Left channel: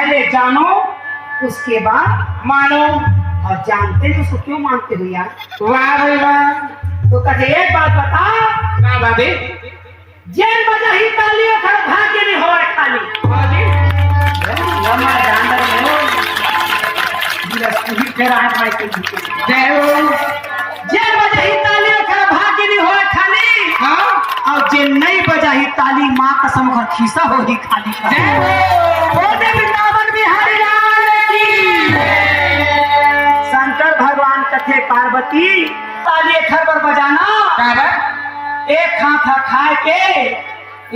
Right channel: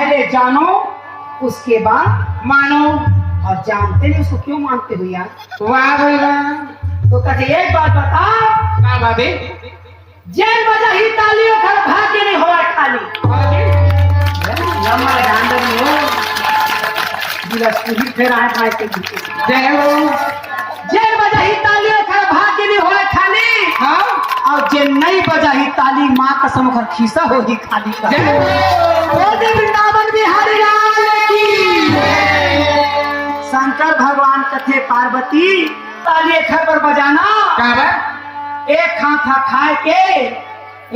पहले जानो उसके बाद मानो। और जानते हैं उसको क्यों मानते हो यार? वाह भाई वाह। तो कहे एक बात बता, क्या भाभी? जेल बजा ही तालियों का भाग्य नहीं होगा खाली। लम्बा जानवर नहीं हो, बिलासपुरी फिर आए मायके जीते। जय हो। जेल बजा ही तालियों का भाग्य नहीं होगा खाली। हाँ। और जे नहीं बजा ही ताली माँ कसम कर खीसा होगी खाली का। जय हो। बोले वृंदावन बिहारी लाल की। शंकर भगवान कथे पार्वती ताली एक पर बजाना। बाबा एक हाथा खाए के,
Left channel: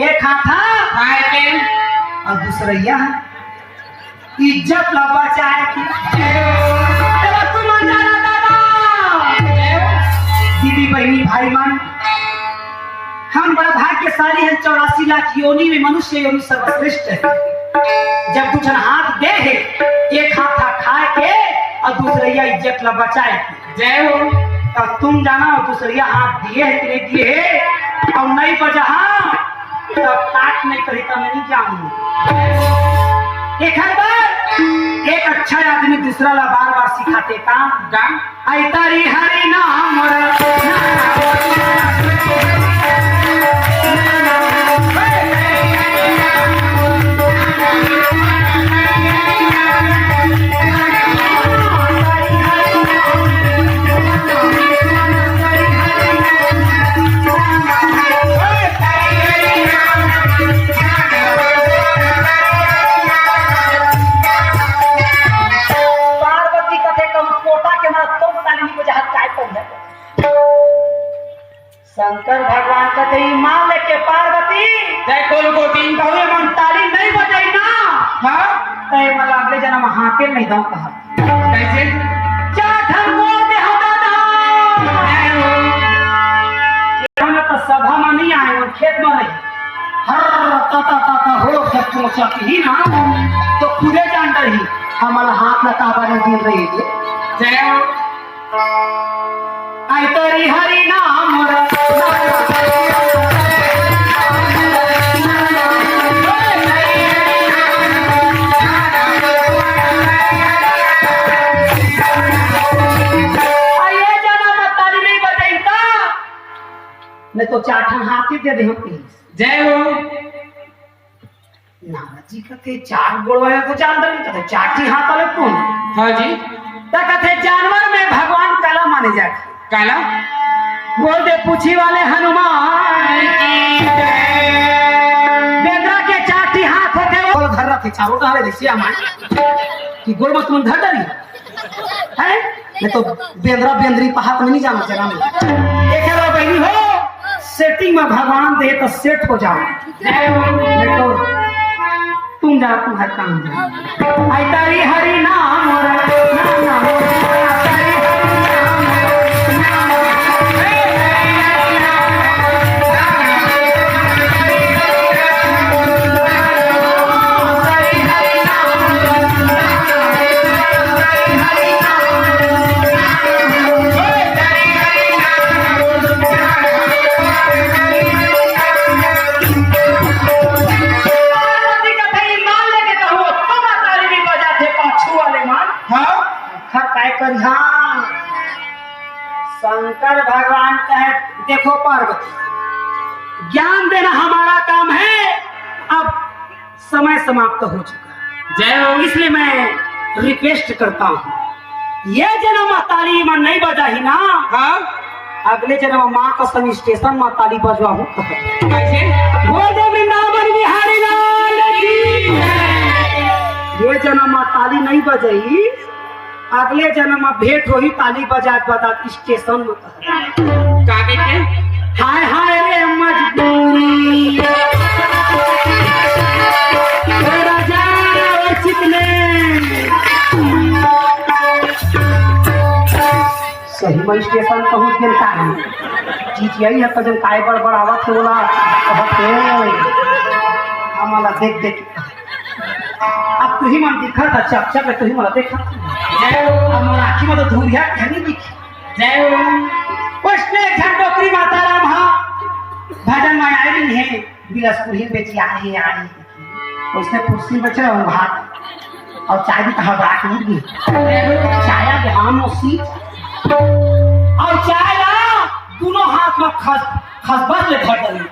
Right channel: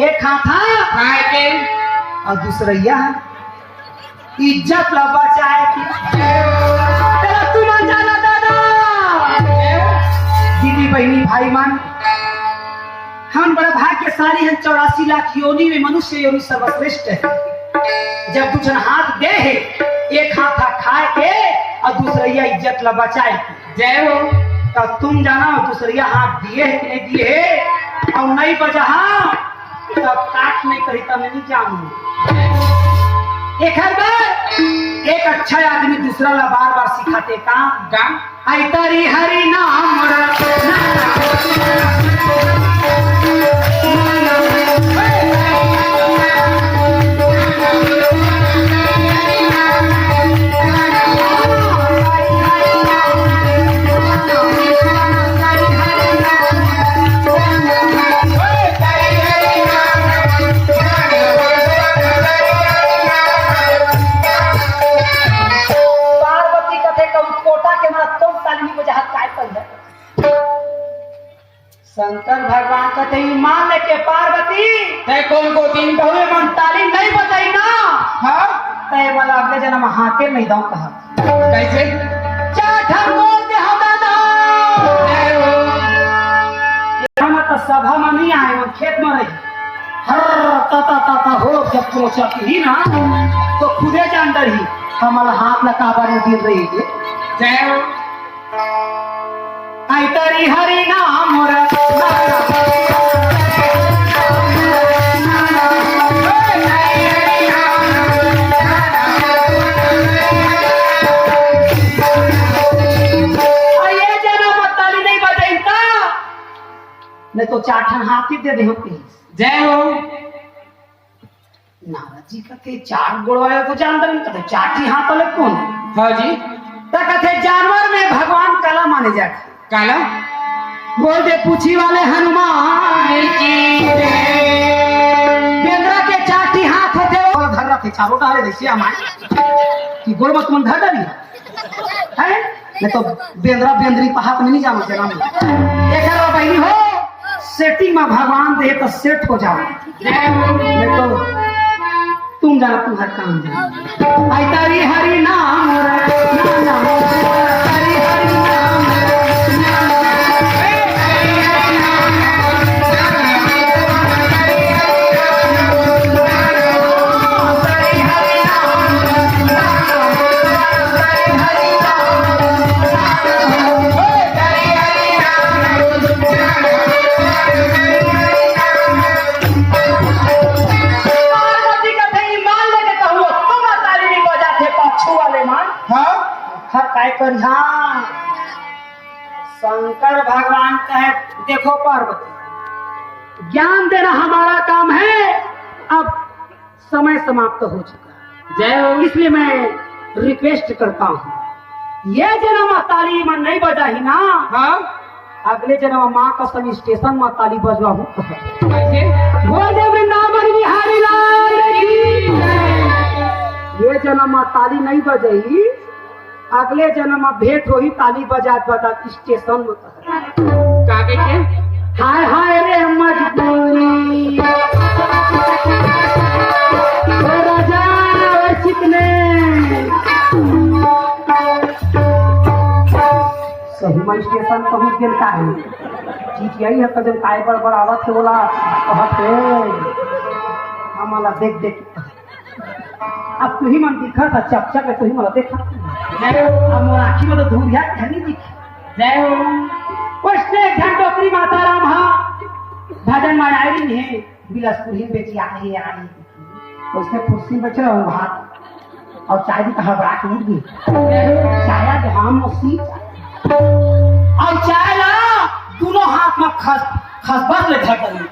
एक हाथा खाए के और दूसरैया इज्जत ला बचाए की। तेरा तुम जाना दादा। दीदी बहनी भाई मान, हम बड़ा भाग्यशाली हैं। 84 लाख योनि में मनुष्य योनि सर्वश्रेष्ठ है। जब कुछ हाथ दे है, एक हाथा खाए के और दूसरैया इज्जत ला बचाए की। जय हो। और तुम जाना दूसरिया हाथ दिए है कि नहीं दिए है, और नहीं बजा तो काट नहीं करी तो मैं नहीं जानू। एक हर बार एक अच्छा आदमी दूसरा ला बार बार सिखाते काम आई तारी हरि नाम शंकर भगवान कहते मान के पार्वती बहुए मन ताली नहीं बजाई ना। हाँ। तय वाला अगले जन्म हाथे नहीं दाऊ कहा। कैसे? तो सभा में नहीं आए, वो खेत में रही। हर ताता ताता हो जब पहुंचती ही ना तो खुदे जान रही हमारा हाथ लतावा में गिर रही है। जय हो। आई तरी हरि नाम मैं तो चाठन हाथी दे दे प्लीज। जय हो। नारद जी कहते चार गोड़वाया तो जानवर नहीं कहते चाटी हाथ वाले कौन? हाँ जी। तो कहते जानवर में भगवान काला माने जाते। काला? बोल दे पूछी वाले हनुमान की बेंद्रा के चाटी हाथ होते वो धर रखे चारों का हवे सिया मान कि गोड़ मत तुम धर डाली है। मैं तो बेंद्रा बेंद्री का हाथ में नहीं जाना चला। एक बार बहनी हो सेटिंग में भगवान दे तो सेट हो जाओ। मैं तो तुम जा तुम हर काम जा। आई तारी हरि नाम नाम नाम पर। हाँ शंकर भगवान कहे देखो पार्वती ज्ञान देना हमारा काम है, अब समय समाप्त हो चुका। जय हो। इसलिए मैं रिक्वेस्ट करता हूँ ये जन्म ताली में नहीं बजा ही ना। हाँ। अगले जन्म माँ का सन स्टेशन में ताली बजवा हूँ। कैसे? बोल दे वृंदावन बिहारी लाल की। ये जन्म ताली नहीं बजाई, अगले जन्म में भेंट हो ही ताली बजा बजा स्टेशन में। हाय हाय रे मजबूरी सही में स्टेशन पहुंच गया है। चीज यही है कजन काय बड़ आवत होला हमारा देख देख अब तू ही मन दिखा था चक चक तू ही मला देखा। जय हो। अब मोर आँखी में तो धूरिया घनी दिखी। जय हो। उसने झंडोकरी माता राम हा भजन में आई रही है बिलासपुर ही बेची आ रही उसने कुर्सी बचे और हाथ और चाय भी कहा बड़ा टूट गई चाय के हम उसी और चाय ला दोनों हाथ में खसबस ले धर दली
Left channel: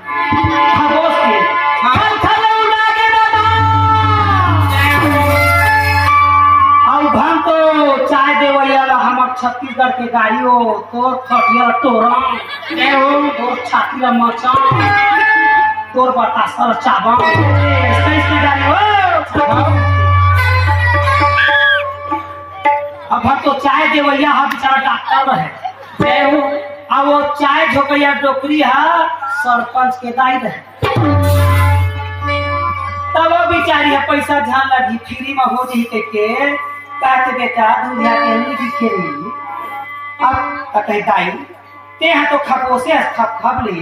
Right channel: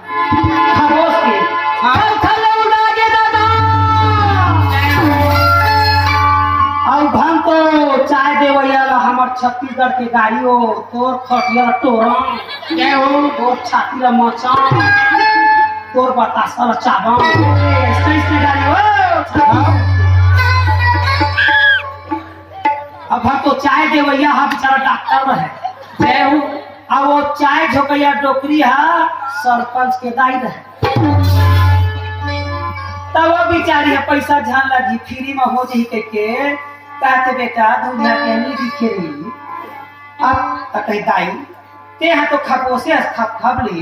खरोस के हर थले उड़ा के दादा और भन तो चाय देवैया ला हमर छत्तीसगढ़ के गाड़ियों तोर खटिया टोरा तोर छाती ला मचा तोर बतासा चाबा ऐसे गाड़ी हो अब हम तो चाय देवैया हा बेचारा डॉक्टर रहे अब वो चाय झोकैया डोकरी हा सरपंच के दाई रहे तब वो बेचारी है पैसा झान लगी फ्री में हो जी के कहते बेटा दूधिया के नहीं दिखेली अब कहे दाई ते हैं तो खपोसे खप ले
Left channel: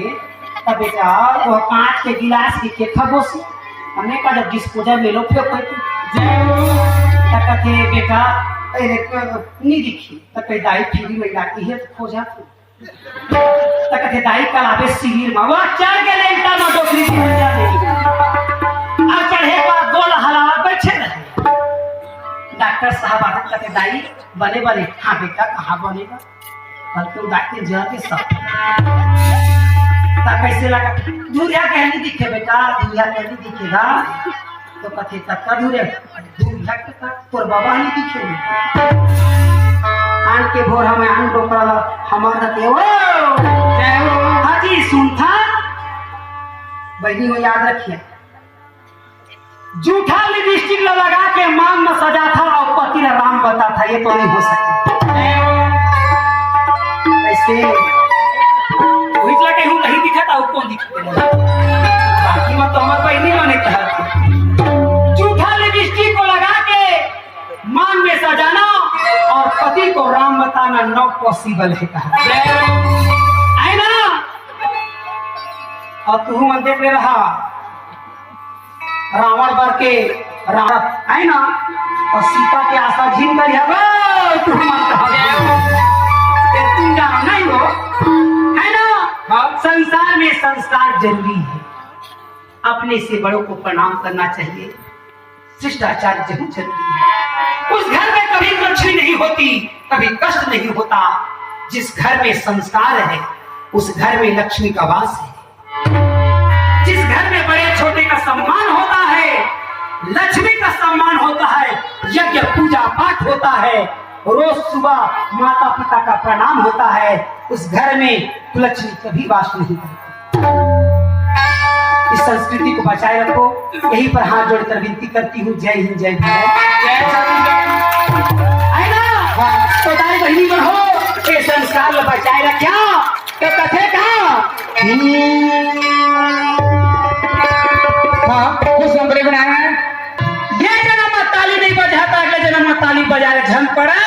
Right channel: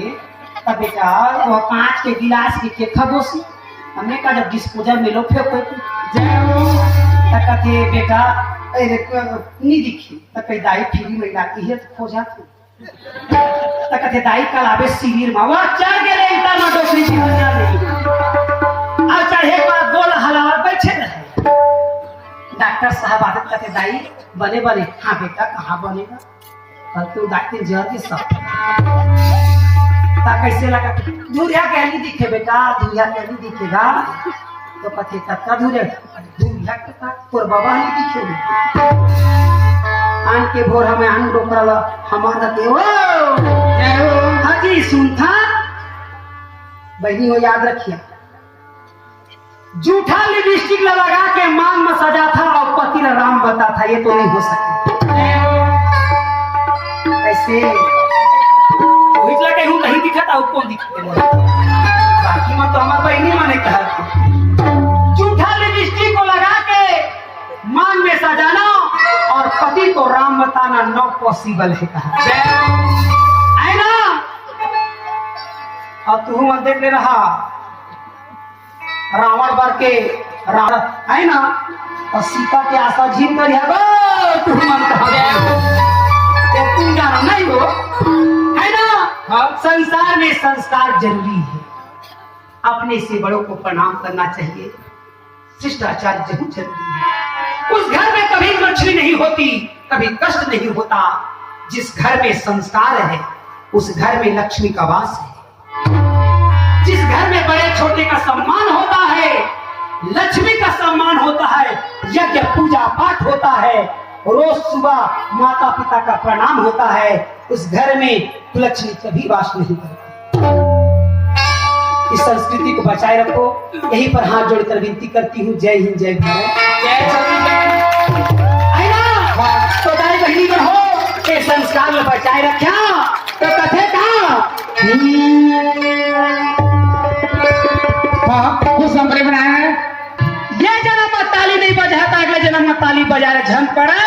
तब बेटा वो कांच के गिलास के खपोसी हमने का जब डिस्पोजल में लो फिर कोई कहते बेटा नहीं दिखी तब कहे दाई फ्री में लाती है तो खोजा तू तब कहते दाई कल आवे शिविर में वह चढ़ के लेता ना डोकरी की नजर नहीं अब चढ़े बाद गोल हलावा बैठे रहे डॉक्टर साहब आते कहते दाई बने बने हाँ बेटा कहाँ बनेगा कल तो डॉक्टर जल्दी सब कैसे लगा दूरिया कहनी दिखे बेटा दूरिया कहनी दिखेगा तो कथे तक दूरे दूरिया का तोर बाबा नहीं दिखे आन के भोर हमें आन डोकरा हमारा के ओ हाजी सुनता बहनी हो याद रखिए झूठा लिपस्टिक लगा के मांग में सजा था और पति ने राम बता था ये तो नहीं हो सकता ऐसे वही कहीं नहीं दिखा था कौन दिखा बाकी में तो हमारे बहनी माने कहा था झूठा लिपस्टिक को लगा के मांग में सजाना और पति को राम बताना नॉट पॉसिबल है कहा है ना और तू मन देख ले रहा रावण बर के रावण है ना और सीता के आशा झीन कर तू तुम जानो नहीं हो है ना संसार में संस्कार जरूरी है अपने से बड़ों को प्रणाम करना चाहिए शिष्टाचार जरूर जरूरी है उस घर में कभी लक्ष्मी नहीं होती कभी कष्ट नहीं होता जिस घर में संस्कार है उस घर में लक्ष्मी का वास है जिस घर में बड़े छोटे का सम्मान होता है लक्ष्मी का सम्मान होता है यज्ञ पूजा पाठ होता है रोज सुबह माता पिता का प्रणाम होता है उस घर में लक्ष्मी कभी वास नहीं करती इस संस्कृति को बचाए रखो यहीं पर हाथ जोड़कर विनती करती हूँ जय हिंद जय भारत तो दाई बहनी हो ये संस्कार में बचाए रखा तो कथे ये जन्म में ताली नहीं बजाता अगले जन्म में ताली बजा रहे झन पड़े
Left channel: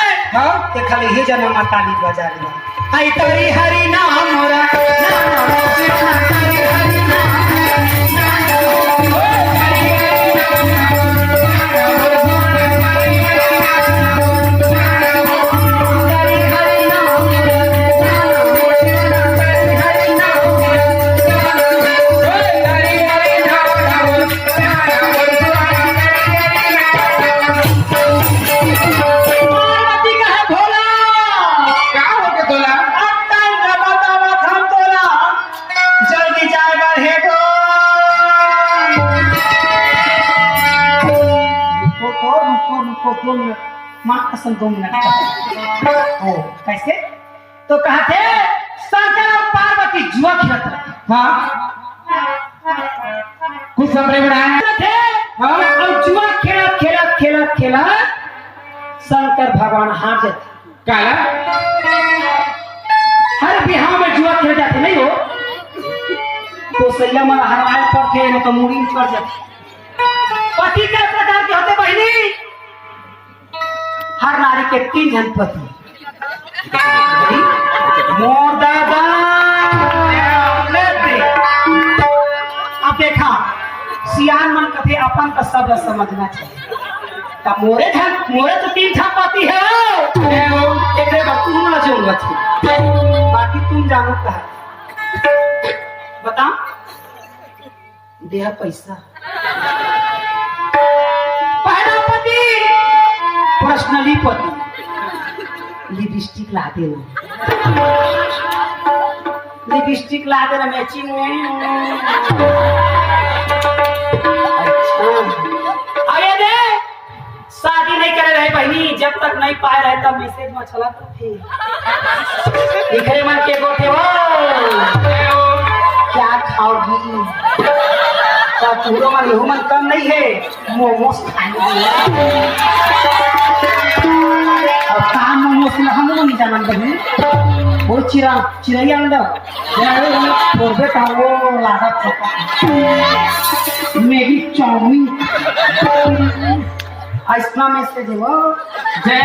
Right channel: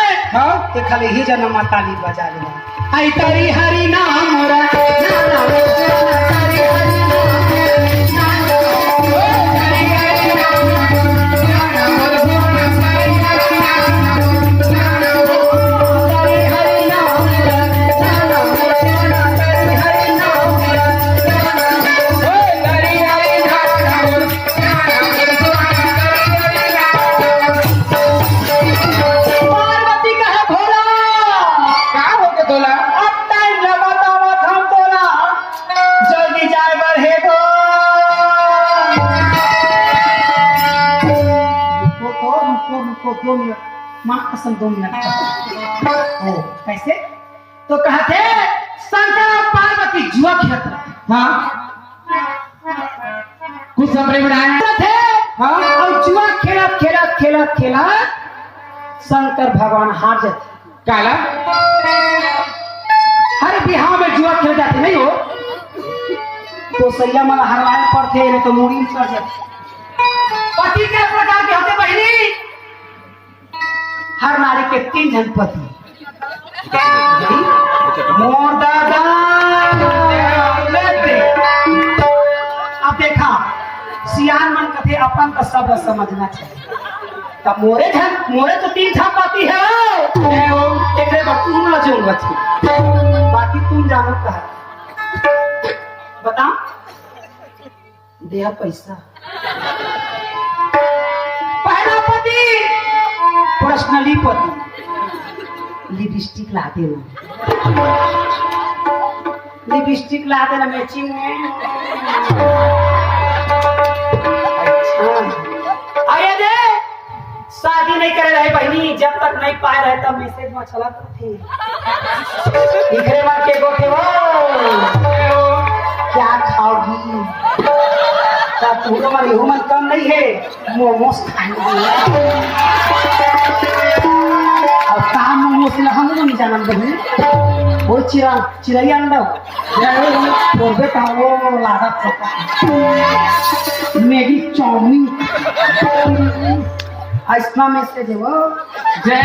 खाली ये जन्म में ताली बजा रहे आई तारी हरि नाम माँ कसम 2 मिनट कैसे तो कहते शंकर और पार्वती जुआ खेलते कुछ समझ में आया थे और जुआ खेला शंकर भगवान हार जाते काला हर बिहार में जुआ खेल जाते नहीं हो तो सैया मन हरवाए पड़ते नहीं तो मूड़ी में चढ़ जाते पति के प्रकार के होते बहनी हर नारी के 3 जन पति मोर दादा अब देखा सियान मन कथे अपन का शब्द समझना चाहिए तब मोरे तो 3 था पति है एक तुम न जो बाकी तुम जानो कहा बता दिया पैसा पहला पति पर्सनली पति लिपस्टिक ला दे लिपस्टिक ला दे मैचिंग में। अरे दे शादी नहीं कर रहे बहनी, जब तक नहीं पाए रहे तब मैसेज में चला तो थे दिखे मन के गोटे हो क्या खाओगी क्या पूरा मन यहू मन कम नहीं है मोमोस खाएंगे और काम मोमोस ना हम नहीं जानन बहनी वो चिड़ैया अंदर छोड़बे तो वो लादा पका मैगी चाउमीन आइसक्रीम में से देवो जय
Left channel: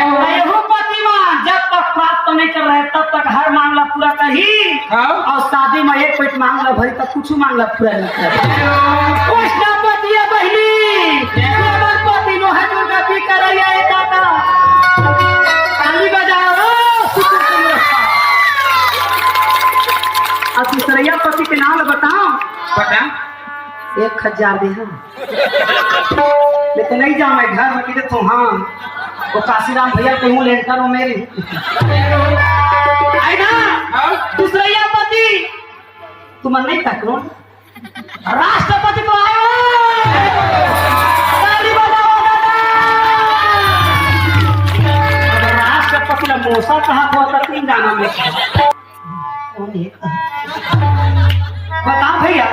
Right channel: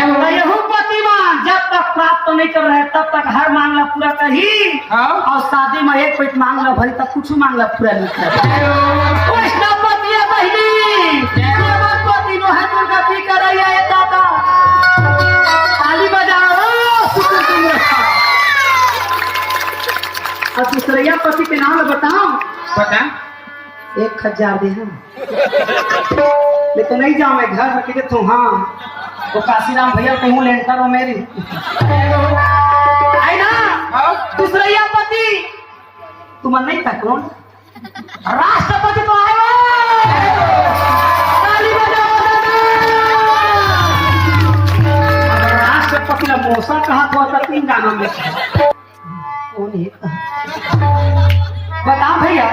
हो पतिमान जब तक प्राप्त तो नहीं कर रहे तब तक हर मांगला पूरा कही और शादी में एक पेट मांगला भरी तक कुछ मांगला पूरा नहीं कर पति है बहनी पति नो है दुर्गा भी कर रही है दादा ताली बजाओ और तीसरा पति के नाम बताओ पता 1000 दे हम ये तो नहीं जाऊँ मैं घर में किधर तुम हाँ वो काशीराम भैया कहूँ लेन करो मेरी आई ना दूसरा पति तुम नहीं कर कौन राष्ट्रपति तो आए ताली बजाओ दादा राष्ट्रपति का मौसा कहा तो 3 गाना में कौन है बताओ भैया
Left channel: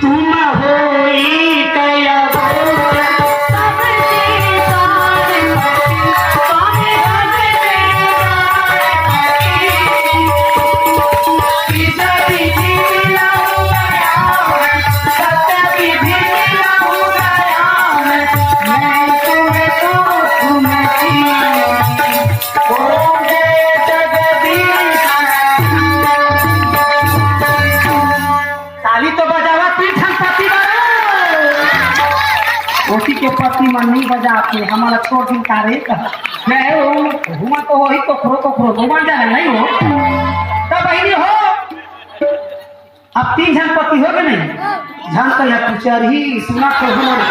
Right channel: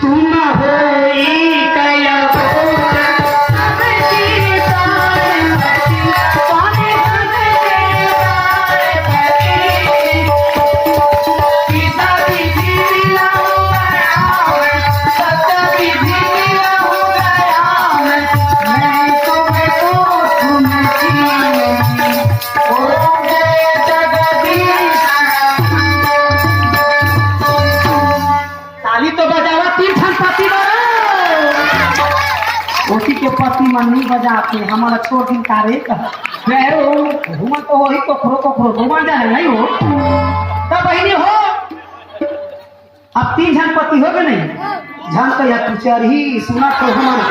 तुम हो के पति मन नहीं बजाते हमारा छोड़ दिन तारे मैं घुमा तो हो ही तो खरो घुमा जा नहीं हो तब बहनी हो अब 3 जन पति हो गए नहीं झन का या तुचार ही सुना तो हमारा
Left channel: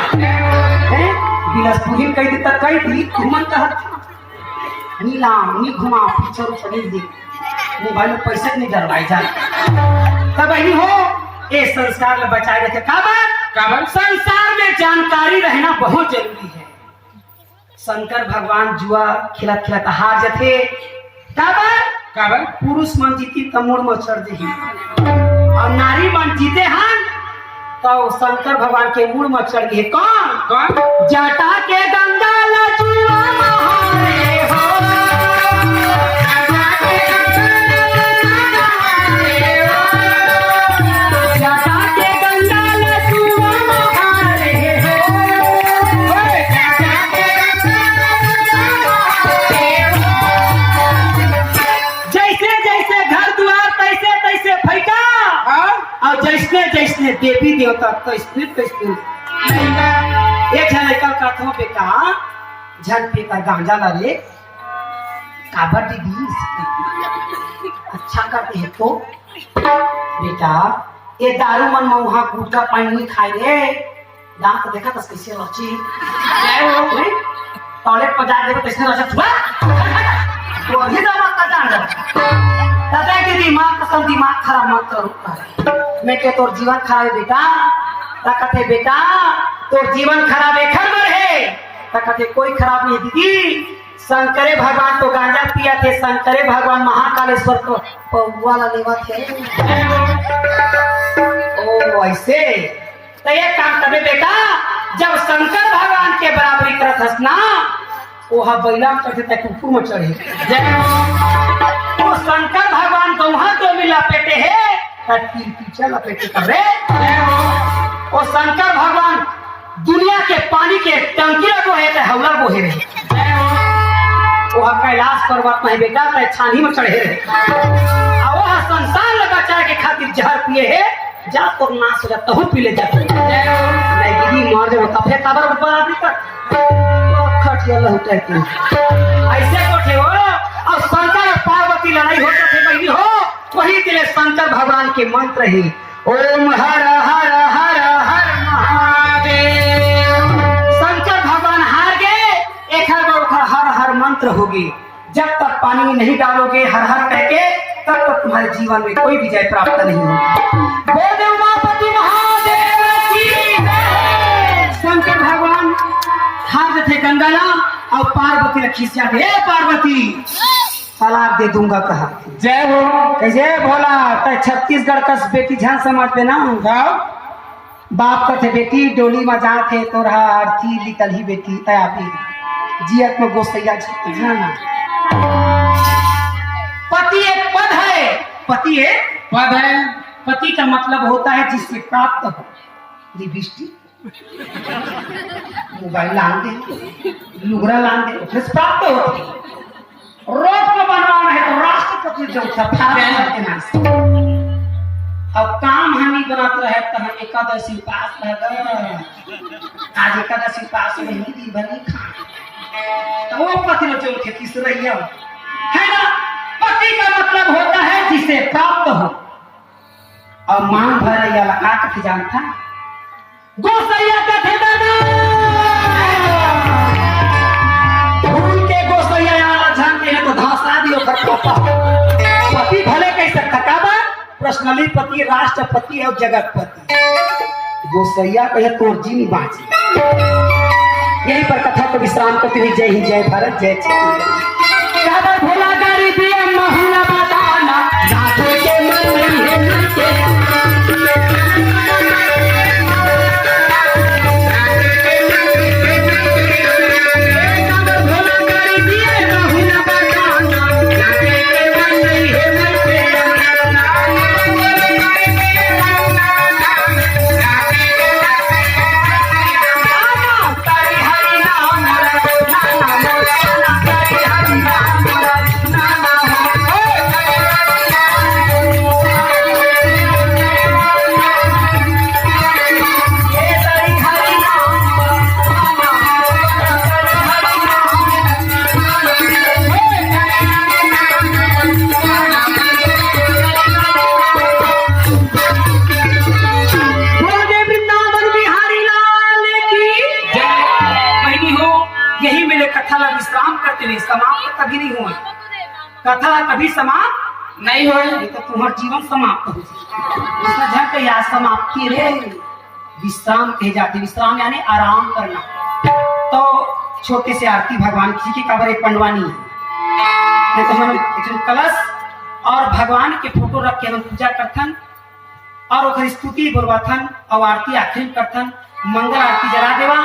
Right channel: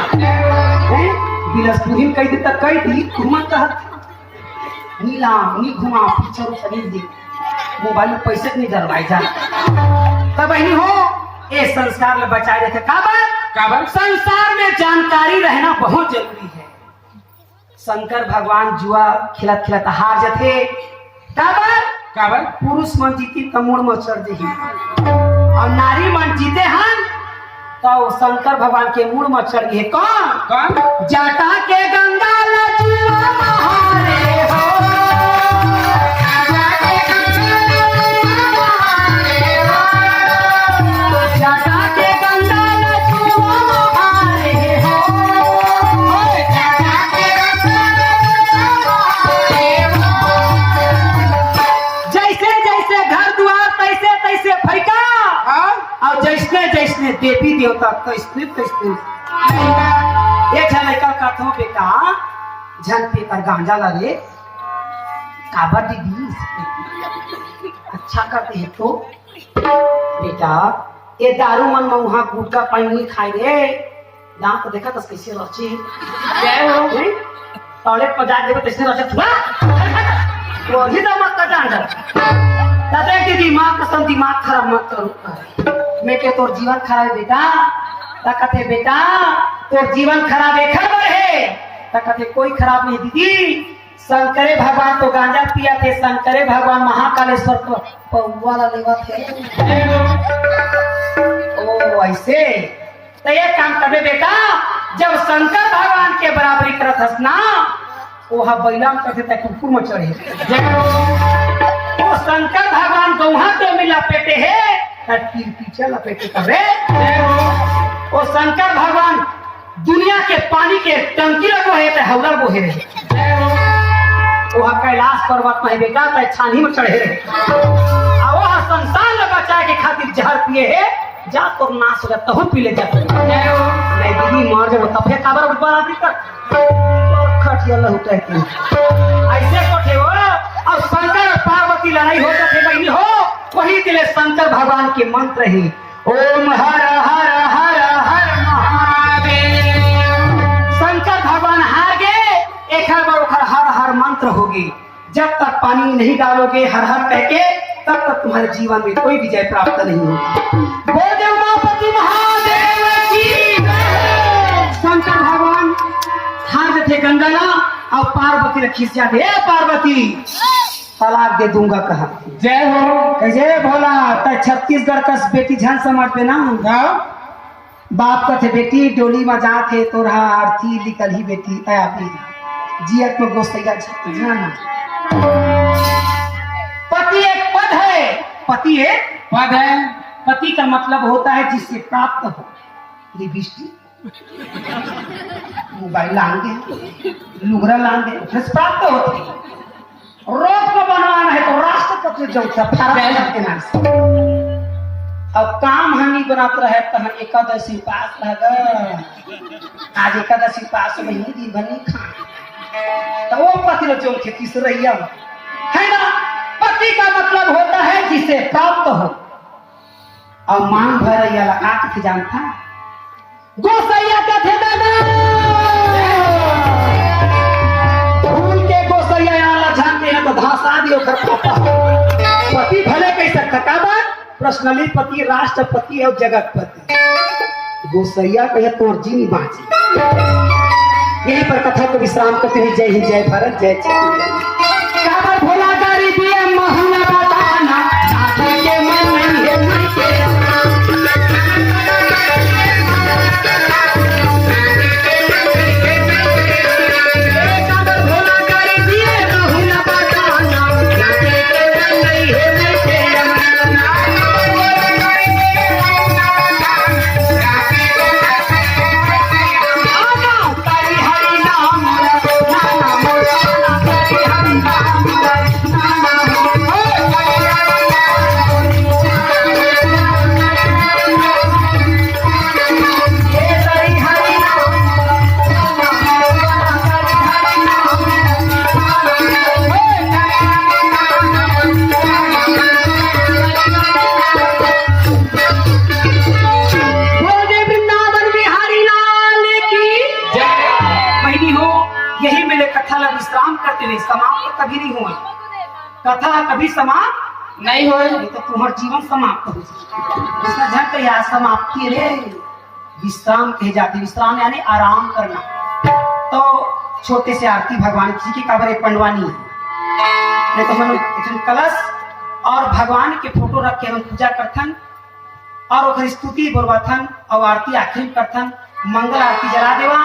बिलसपुरी कई दिन तक कई थी घुमा चाहत नीला नी घुमा पिक्चर शरीर दी मोबाइल में पैसे नहीं डरवाई जा तब बहनी हो ये संस्कार में बचाए रहते काबर संसार में जानकारी रहना बहुत जरूरी है। शंकर भगवान जुआ खिला खिलाता हार जाते काबर पुरुष मन जीती तमोड़ में चढ़ जही और नारी मन जीते हैं तो शंकर भगवान के मूड में चढ़ गए कौन जटा के गंगा लजुआ महारे हो जटा के गंगा जैसने देवी देवता तैसने ये लड़का कथों पे का झन पे का गांजा ला रे काबर दीदी अच्छा करते हैं तो बेटा ये दारू मन में वहाँ गुटका पानी नहीं खाए रे दाम तो देखा तो कैसे रची टॉयलेट पर जा देवे कैसे रचा थोड़ा वो ही दाम का जान दादा के दिमाग खराब मत करो मैं के तोर जीवन खराब है बेटा तकते बेटा तोर जीवन खराब है खबर है तकते कोई खराब नहीं दीदी शंकरे भगवान तो गांजा पिया थे शंकरे भगवान महाकालेश्वर को वाला लेवा थे ओ ऐसे तो ये काम करबे बेटा जब शंकर भगवान के बराबरी करत हस ना वहाँ बैलाम करते तक कुकुर में चढ़े तो शंकर भगवान को वहाँ तो मिला पेटे है पीछे लपेटे करे वो शंकर भगवान दुनिया के पानी के टंकी लगो है हौला बोहे रहे वो कैलाश पर्वत में बेटा छानी में चढ़े रहे वो संसार लगा चाहे के खातिर जहर पिए है जा तो नाश हो जाता हूँ पी ले जाते नहीं दीदी मर जाओ तब फिर खबर ऊपर आती तक खटिया लहुटा के ऐसे कोठे हो और शंकर और पार्वती लड़ाई होता थे बहनी हो वही दिले शंकर भगवान के मंत्र ही ओम हर हर हर हर रहोगे। जब तक पानी नहीं डालोगे हर हर कह के, तब तक तुम्हारे जीवन में कोई विजय प्राप्त नहीं होगी। बोले उमापति महादेव की जय। शंकर भगवान हाथ थे गंगाला और पार्वती रखी से आगे, पार्वती तलाक दे दूंगा कहा। जय हो। कैसे भोला तो छत्तीसगढ़ का बेटी झन समझ पे ना बाप का थे बेटी डोली में जा थे तो रहा आरती निकल ही बेटी तया जियत में गोसैया जाना। पति एक पद है, पति एक पद है। पति का मतलब होता है जिससे प्राप्त हो। लिपस्टिक मोबाइल लान दे, लुगरा लान दे, उससे प्राप्त होती है। रोज को बनवाना है तो राष्ट्रपति जो अब काम हानि बनत रहे तो एकादशी उपास लगा। आज एकादशी उपास में ही दिन भर नहीं खा तो वो पति जो थे तीसरैया है ना। पति का मतलब होता है जिसे प्राप्त हो। और मांग भर या लगा के जानता गोसैया का थे भूल के गोसैया जानते हैं तो धासा दियो पति भले कैसे थकावा पर्सनली पति राष्ट्रपति और जगतपति गोसैया कहे तोर जीनी बाँची। यहीं पर कथा को विश्राम करते हुए जय हिंद जय भारत जय छत्तीसगढ़। भोला गाड़ी दिया महुला बताना के मन नहीं है मिलके। यही मेरे कथा ला विश्राम करते हुए समाप्त कभी नहीं हुआ। कथा कभी समाप्त नहीं हो तो तुम्हारा जीवन समाप्त हो जाए। समाप्ति रे विश्राम कहे जाते। विश्राम यानी आराम करना। तो छोटे से आरती भगवान किसी की कबर एक पंडवानी है तो हम कलश और भगवान के फोटो रख के हम पूजा करथन और स्तुति बोलवाथन और आरती आखिर करथन। मंगल आरती जला देवा।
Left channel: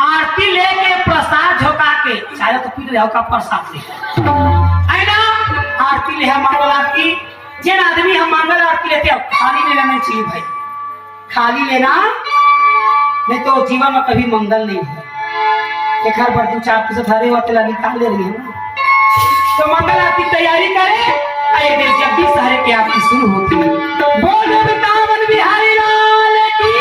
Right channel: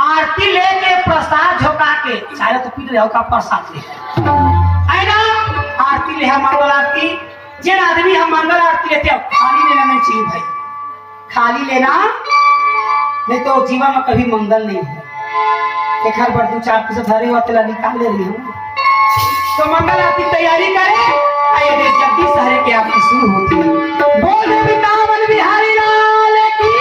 आरती लेके प्रसाद झोंका के चाहे तो पीट रहे का प्रसाद ले है ना। आरती ले मंगल आरती जिन आदमी हम मंगल आरती लेते हैं खाली लेना नहीं चाहिए भाई। खाली लेना नहीं तो जीवन में कभी मंगल नहीं है। एक हर बार 2-4 पैसे धरे हुआ तेला निकाल ले रही है तो मंगल आरती तैयारी करें। जब भी शहर की आरती शुरू होती है बोल वृंदावन बिहारी लाल की।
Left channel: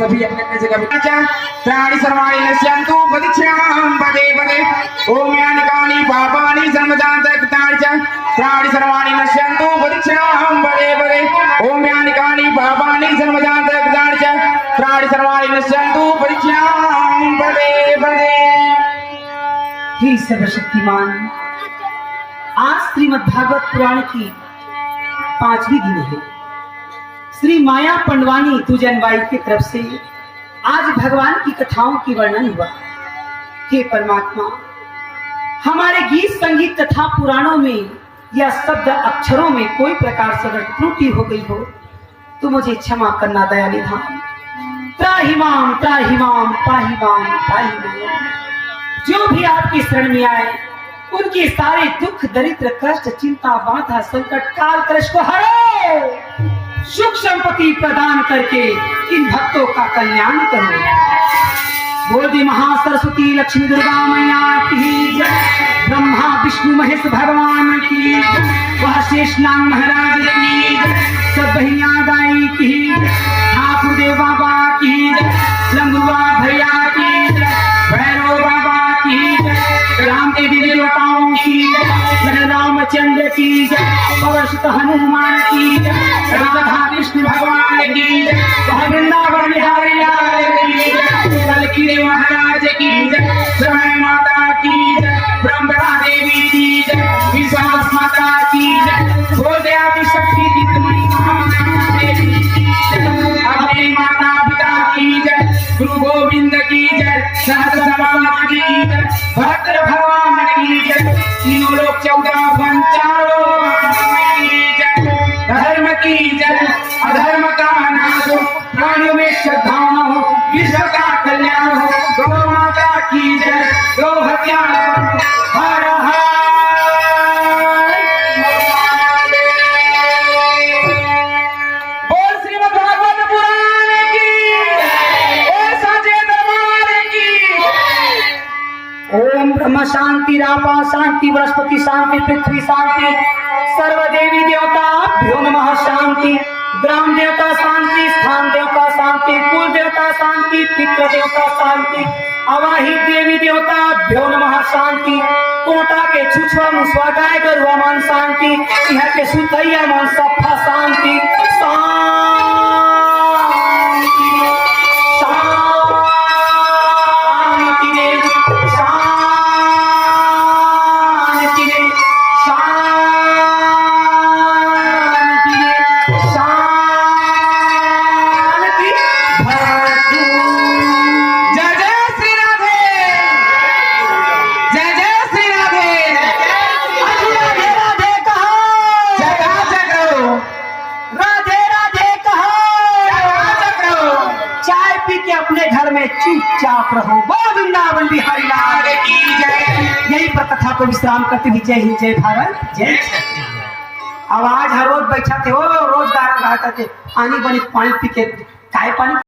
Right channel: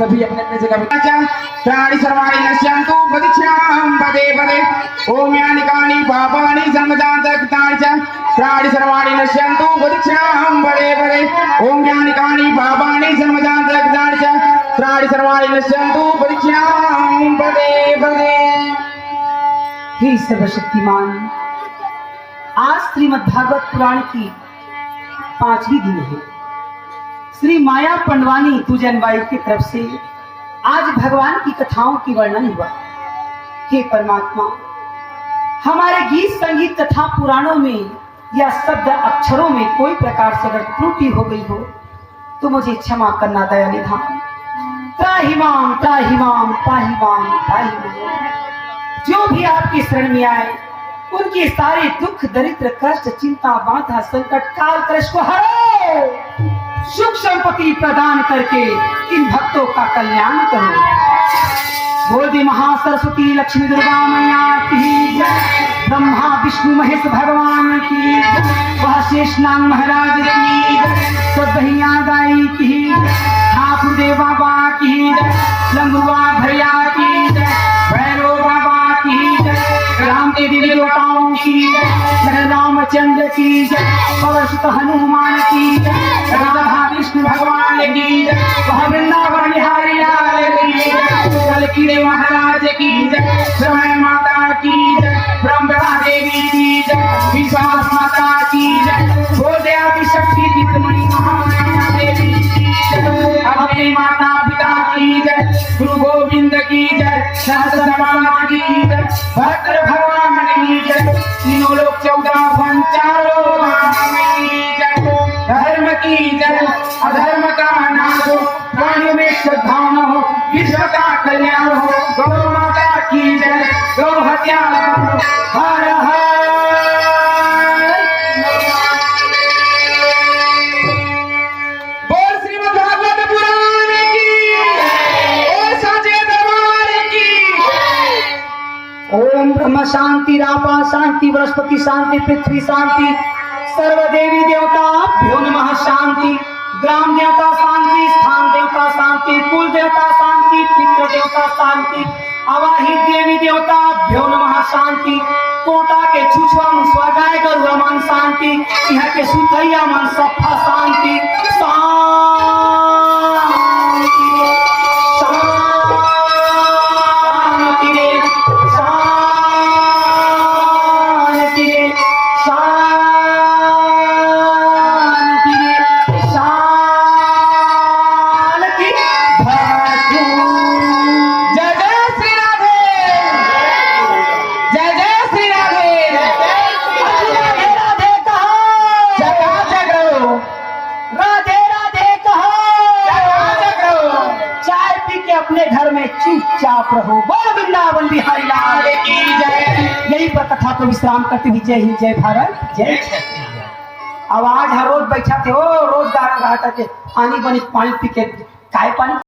सभी अपने अपने जगह पे त्राणी सर्वाणि नश्यन्तु प्रदीक्षां पदे पदे ओम यानिकानि पापानि जन्मजातक त्राणी सर्वाणि नश्यन्तु प्रदीक्षां पदे पदे ओम यानिकानि पापानि जन्मजातक त्राणी सर्वाणि नश्यन्तु प्रदीक्षां पदे पदे। हे सर्वशक्तिमान, आज श्रीमद् भागवत पुराण की 5वीं दिन है। श्री माया पंडवानी तुजनबाई की तरफ से आज भगवान की कथाओं की वर्णन हुआ। हे परमात्मा, हमारे गीत संगीत तथा पुराणों में या शब्द अक्षरों में कोई प्रकार से अगर त्रुटि हो गई हो तो मुझे क्षमा करना दयानिधान। त्राहिमाम त्राहिमाम पाहिमाम पाहिमाम। जो भी आपकी शरण में आए उनके सारे दुख दरिद्र कष्ट चिंता बाधा संकट काल कलश को हरो, सुख संपत्ति प्रदान करके इन भक्तों का कल्याण करो। बोल दी महासरस्वती लक्ष्मी दुर्गा मैया की जय। ब्रह्मा विष्णु महेश भगवान की जय। वह शेषनाग महाराज की जय। सब भैया दाई की जय। ठाकुर देव बाबा की जय। लंबुआ भैया की जय। भैरव बाबा की जय। राम देवी देवताओं की जय। रामचंद्र की जय। पवसुत हनुमान की जय। राधा कृष्ण भगवान की जय। वह वृंदावन बिहारी लाल की जय। कलकी महाराज की जय। समय माता की जय। ब्रह्मा देवी की जय। विश्वास माता की जय। गोदयादि शक्ति दीपमणि महामाया देवी की जय। अपने माता पिता की जय। गुरु गोविंद की जय। सहस्रनाम की जय। भद्र भगवान की जय। तीनों लोग 14 वन चारों की जय। धर्म की जय। अधर्म का नाश हो। प्राणियों में श्रद्धा हो। विश्व का कल्याण हो। गौ माता की जय। गौ हत्या हर हर। बोल श्रीमद् भागवत पुराण की बोल साचे दरबार की। ओम ब्रह्म शांति रापा शांति बृहस्पति शांति पृथ्वी शांति सर्वदेवी देवताभ्यो नमः शांति। ग्राम देवता शांति स्थान देवता शांति कुल देवता शांति पितृ देवता शांति अवाहित देवी देवताभ्यो नमः शांति। कोटा के छुछुआ मुसवा गाय गरुआ मान शांति। यहाँ के सुतैया मान सफा शांति शांति शांति रे शांति रे शांति रे शांति भवतु। जय जय श्री राधे। जय जय श्री राधे। राधे राधे कहो। जय करो। राधे राधे कहो। जय करो। चाय पी के अपने घर में चुपचाप रहो। बोल वृंदावन बिहारी लाल की जय। यही पर कथा को विश्राम करते हुए जय हिंद जय भारत जय। आवाज हर रोज बैठा थे वो रोज गाना गाता थे पानी बनी पानी पी के काय पानी